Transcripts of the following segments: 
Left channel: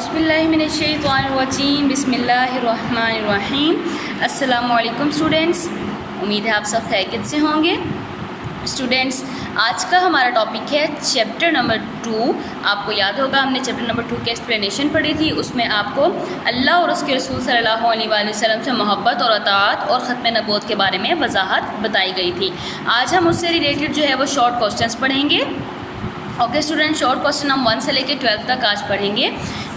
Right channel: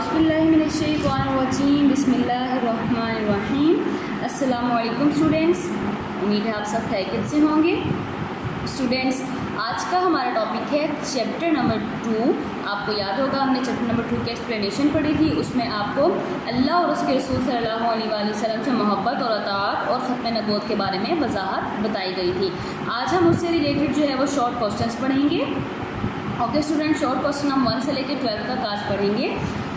اعوذ باللہ من الشیطان الرجیم بسم اللہ الرحمن الرحیم۔ السلام علیکم اسٹوڈینٹس، امید ہے آپ سب خیریت سے ہوں گے۔ اسٹوڈینٹس، آج کا ہمارا ٹاپک ہے چیپٹر نمبر 2۔ آپ کو یاد ہوگا ہم نے چیپٹر نمبر 2 کی ایکسپلینیشن پڑھی تھی، اس میں آپ کو اللہ اور اس کے رسول صلی اللہ علیہ وآلہ وسلم سے محبت اور اطاعت اور ختم نبوت کے بارے میں وضاحت بتائی گئی تھی۔ آج ہم اس سے ریلیٹڈ جو ہے وہ شارٹ کوسچنس پڑھیں گے۔ اوکے اسٹوڈنٹ، شارٹ کوسچن ہم 1 سے لے کے 12 تک آج پڑھیں گے،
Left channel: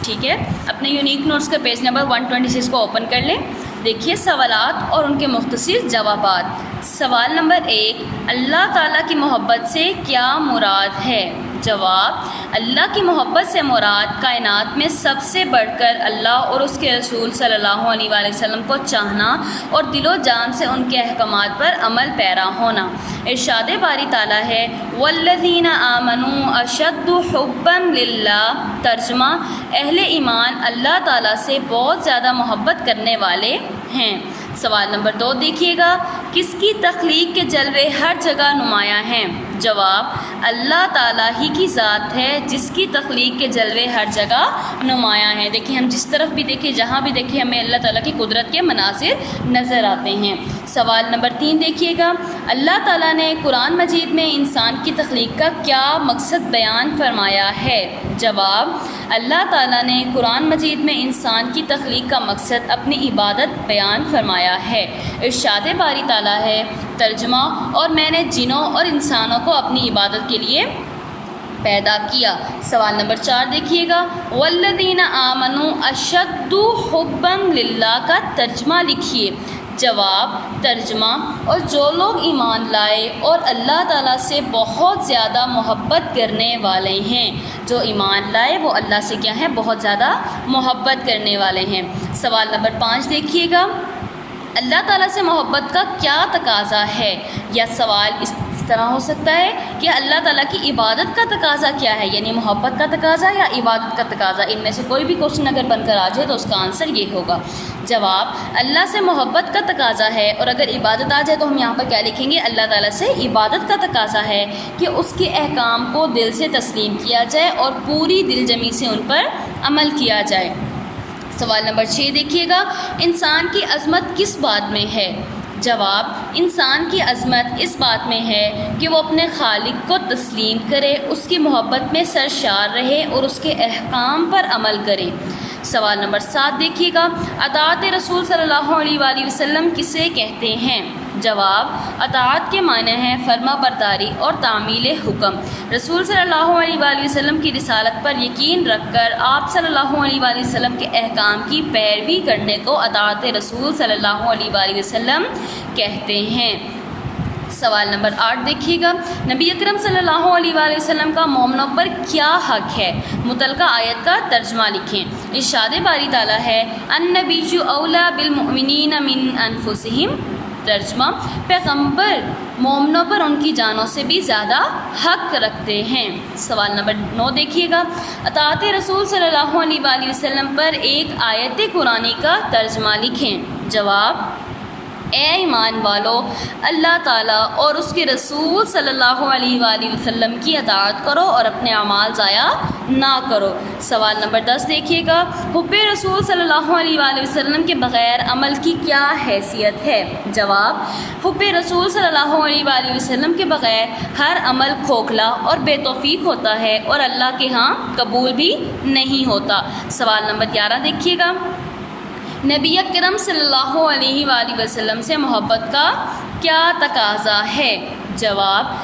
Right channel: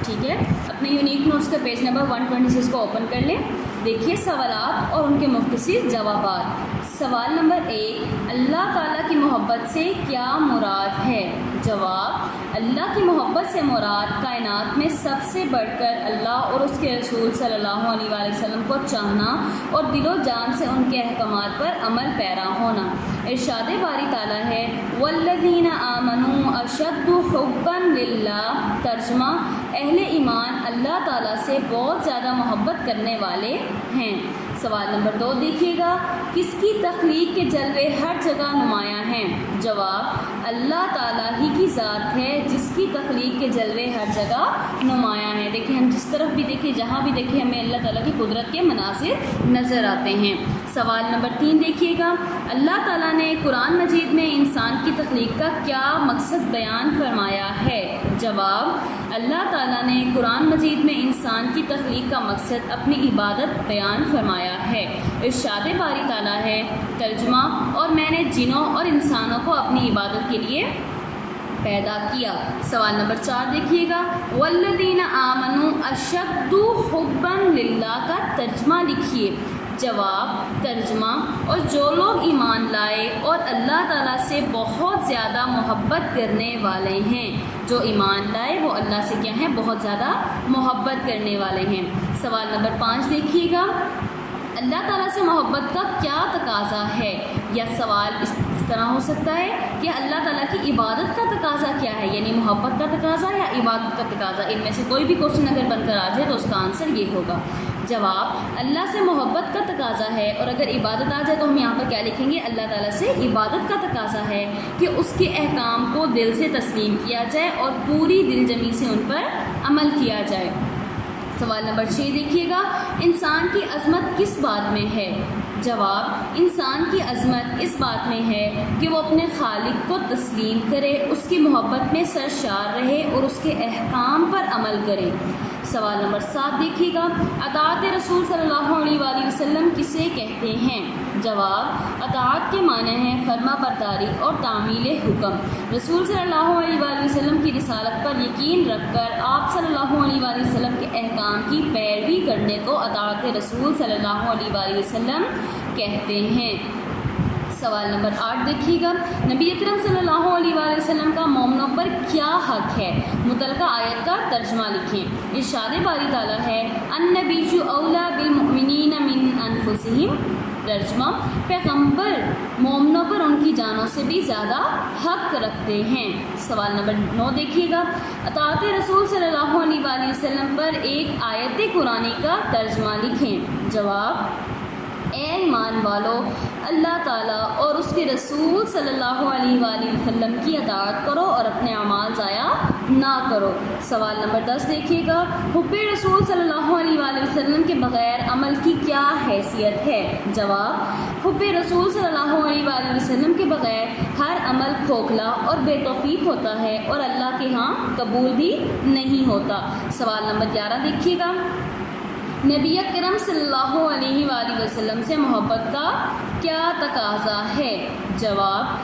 ٹھیک ہے۔ اپنے یونیک نوٹس کا پیج نمبر 126 کو اوپن کر لیں۔ دیکھیے سوالات اور ان کے مختصر جوابات۔ سوال نمبر 1، اللہ تعالیٰ کی محبت سے کیا مراد ہے؟ جواب، اللہ کی محبت سے مراد کائنات میں سب سے بڑھ کر اللہ اور اس کے رسول صلی اللہ علیہ وآلہ وسلم کو چاہنا اور دل و جان سے ان کے احکامات پر عمل پیرا ہونا۔ ارشاد باری تعالیٰ ہے والذین آمنوا اشد حبا للہ۔ ترجمہ، اہل ایمان اللہ تعالیٰ سے بہت زیادہ محبت کرنے والے ہیں۔ سوال نمبر 2 دیکھیے گا، کس کی تخلیق کے جلوے ہر جگہ نمایاں ہیں؟ جواب، اللہ تعالیٰ ہی کی ذات ہے جس کی تخلیق کے جلوے ہر جگہ نمایاں ہیں۔ دیکھیے ہم جس طرف بھی دیکھیں، جہاں بھی دیکھیں، ہمیں اللہ تعالیٰ کی قدرت کے مناظر نظر آتے ہیں۔ سوال نمبر 3 دیکھیے گا، اللہ تعالیٰ نے قرآن مجید میں انسان کی تخلیق کا کیا مقصد بیان فرمایا ہے؟ جواب، اللہ تعالیٰ نے قرآن مجید میں انسان کی تخلیق کا مقصد اپنی عبادت بیان فرمایا ہے۔ ارشاد باری تعالیٰ ہے، ترجمہ، اور میں نے جنوں اور انسانوں کو اپنی عبادت کے لیے پیدا کیا۔ سوال نمبر 4 دیکھیے گا، والذین آمنوا اشد حبا للہ کا ترجمہ لکھیے۔ جواب، ترجمہ، اور جو لوگ ایمان لائے اور اللہ تعالیٰ سے بہت زیادہ محبت کرنے والے ہیں۔ جو ایمان لائے وہ اللہ سے کیا ہیں؟ بہت زیادہ محبت کرنے والے ہیں۔ سوال نمبر 5 دیکھیے گا، اللہ تعالیٰ سے محبت کا کیا تقاضا ہے؟ یا سوال اس طرح ہو سکتا ہے کہ اللہ تعالیٰ کی عبادت کا تقاضا کیا ہے، یعنی محبت کا تقاضا یا عبادت کا تقاضا؟ ان میں سے کوئی بھی کوشچن اگر بن کر آ جائے تو اس کا آنسر یہ ہوگا۔ جواب، اللہ سے محبت کا تقاضا ہے، اور اگر عبادت آ جائے تو ہم یہاں پر کیا لکھیں گے؟ اللہ تعالیٰ سے عبادت کا تقاضا ہے کہ اس کے احکام کو دل سے تسلیم کیا جائے اور پوری دل جمی سے ان پر عمل کیا جائے۔ سوال نمبر 6 دیکھیے گا، انسان کی عظمت کس بات میں ہے؟ جواب، انسان کی عظمت اس بات میں ہے کہ وہ اپنے خالق کو تسلیم کرے، اس کی محبت میں سرشار رہے اور اس کے احکام پر عمل کرے۔ سوال نمبر 7 دیکھیے گا، اطاعت رسول صلی اللہ علیہ وآلہ وسلم کسے کہتے ہیں؟ جواب، اطاعت کے معنی ہے فرما برداری اور تعمیل حکم۔ رسول صلی اللہ علیہ وآلہ وسلم کی رسالت پر یقین رکھ کر آپ صلی اللہ علیہ وآلہ وسلم کے احکام کی پیروی کرنے کو اطاعت رسول صلی اللہ علیہ وآلہ وسلم کہتے ہیں۔ سوال نمبر 8 دیکھیے گا، نبی اکرم صلی اللہ علیہ وآلہ وسلم کا مومنوں پر کیا حق ہے؟ متعلقہ آیت کا ترجمہ لکھیں۔ ارشاد باری تعالیٰ ہے، النبی اولیٰ بالمؤمنین من انفسہم۔ ترجمہ، پیغمبر مومنوں پر ان کی جانوں سے بھی زیادہ حق رکھتے ہیں۔ سوال نمبر 9 دیکھیے گا، اطاعت رسول صلی اللہ علیہ وآلہ وسلم پر ایک آیت قرآنی کا ترجمہ لکھیں۔ جواب، اے ایمان والو، اللہ تعالیٰ اور اس کے رسول صلی اللہ علیہ وآلہ وسلم کی اطاعت کرو اور اپنے اعمال ضائع نہ کرو۔ سوال نمبر 10 دیکھیے گا، حب رسول صلی اللہ علیہ وآلہ وسلم کے بغیر عمل کی کیا حیثیت ہے؟ جواب، حب رسول صلی اللہ علیہ وآلہ وسلم کے بغیر ہر عمل کھوکھلا اور بے توفیق ہوتا ہے اور اللہ کے ہاں قبول بھی نہیں ہوتا۔ سوال نمبر 11 دیکھیے گا، نبی اکرم صلی اللہ علیہ وآلہ وسلم سے محبت کا کیا تقاضا ہے؟ جواب،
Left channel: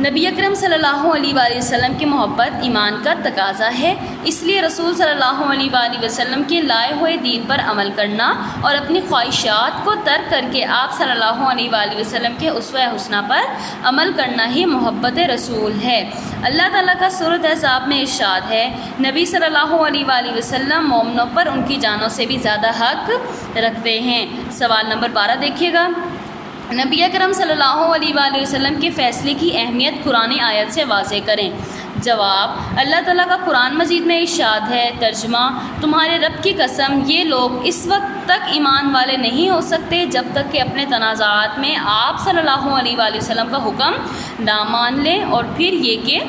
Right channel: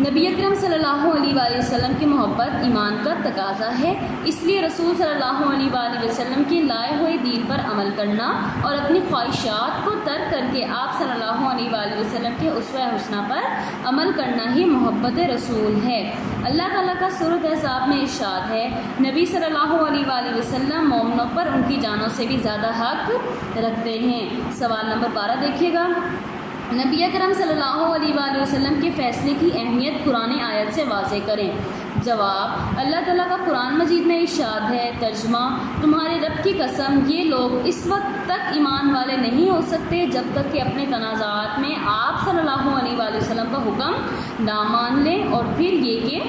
نبی اکرم صلی اللہ علیہ وآلہ وسلم کی محبت ایمان کا تقاضا ہے، اس لیے رسول صلی اللہ علیہ وآلہ وسلم کے لائے ہوئے دین پر عمل کرنا اور اپنی خواہشات کو ترک کر کے آپ صلی اللہ علیہ وآلہ وسلم کے اسوہ حسنہ پر عمل کرنا ہی محبت رسول ہے۔ اللہ تعالیٰ کا سورۃ احزاب میں ارشاد ہے، نبی صلی اللہ علیہ وآلہ وسلم مومنوں پر ان کی جانوں سے بھی زیادہ حق رکھتے ہیں۔ سوال نمبر 12 دیکھیے گا، نبی اکرم صلی اللہ علیہ وآلہ وسلم کے فیصلے کی اہمیت قرآن آیت سے واضح کریں۔ جواب، اللہ تعالیٰ کا قرآن مجید میں ارشاد ہے، ترجمہ، تمہارے رب کی قسم یہ لوگ اس وقت تک ایمان والے نہیں ہو سکتے جب تک کہ اپنے تنازعات میں آپ صلی اللہ علیہ وآلہ وسلم کا حکم نہ مان لیں، اور پھر یہ کہ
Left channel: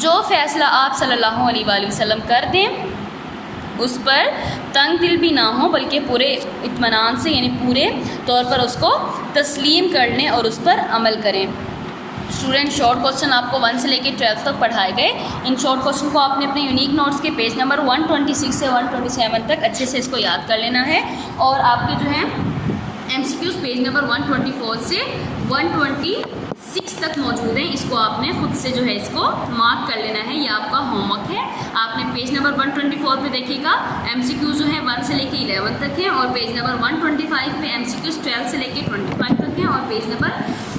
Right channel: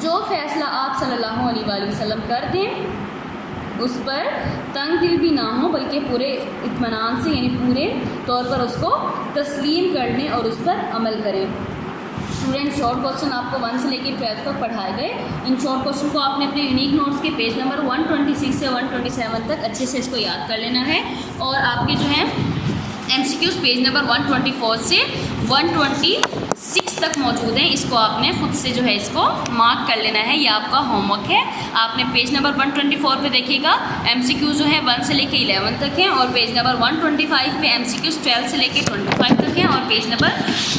جو فیصلہ آپ صلی اللہ علیہ وآلہ وسلم کر دیں اس پر تنگ دل بھی نہ ہوں بلکہ پورے اطمینان سے یعنی پورے طور پر اس کو تسلیم کر لیں اور اس پر عمل کریں. اسٹوڈنٹ شارٹ کوسچن آپ کو 1 سے لے کے 12 تک پڑھائے گئے. ان شارٹ کوسچن کو آپ نے اپنے یونیک نوٹس کے پیج نمبر 126 سے 127 تک اچھے سے اس کو یاد کر لینا ہے. اور آپ کے جو ہیں MCQs پیج نمبر 124 سے 126 تک موجود ہیں. اس کو آپ نے خود سے جو ہے اس کو مارک کر لینا ہے. یہ آپ کا ہوم ورک ہے. آپ نے پیج نمبر 124 پہ دیکھیے گا MCQs جو ہیں 1 سے لے کے 11 تک ہیں, اور پیج نمبر 125 پہ MCQs 12 سے لے کے 25 تک ہیں, اور پیج نمبر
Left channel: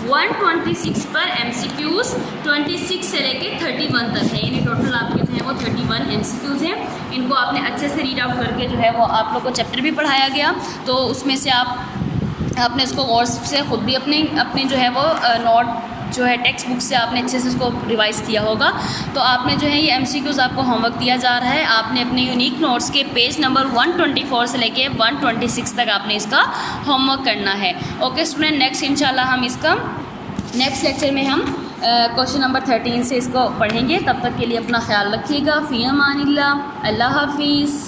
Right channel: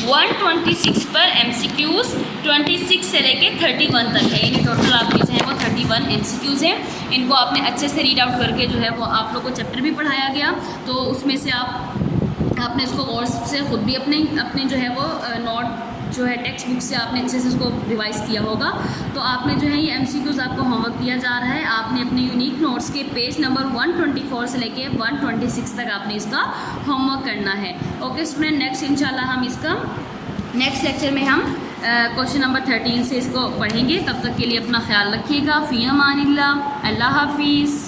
126 پر MCQs 26 سے لے کے 31 تک ہے. یعنی ٹوٹل آپ کے جو ہیں وہ 31 MCQs ہیں. ان کو آپ نے اچھے سے ریڈ آؤٹ کر کے جو ہے وہ آپ لوگ کو چیپٹر بھی پڑھایا گیا, تو اس میں سے آپ نے اس کو غور سے خود بھی اپنے جو ہے وہ نوٹ جو ہے ٹیکسٹ بک سے آپ نے اچھے سے اس کو ریوائز کیا ہوگا. تو آپ نے جو ہے یہ MCQs آپ کو ہوم ورک دیا جا رہا ہے. آپ نے اپنے یونیک نوٹس کے پیج نمبر 124 سے لے کے 126 تک آپ نے اس کا ہوم ورک کرنا ہے. اوکے اسٹوڈنٹ, نیکسٹ انشاءاللہ ہم اس کا نیکسٹ لیکچر میں ہم کوشچن نمبر 13 سے اس کو پڑھیں گے. تب تک کے لیے اپنا خیال رکھیے گا. فی امان اللہ. اللہ حافظ.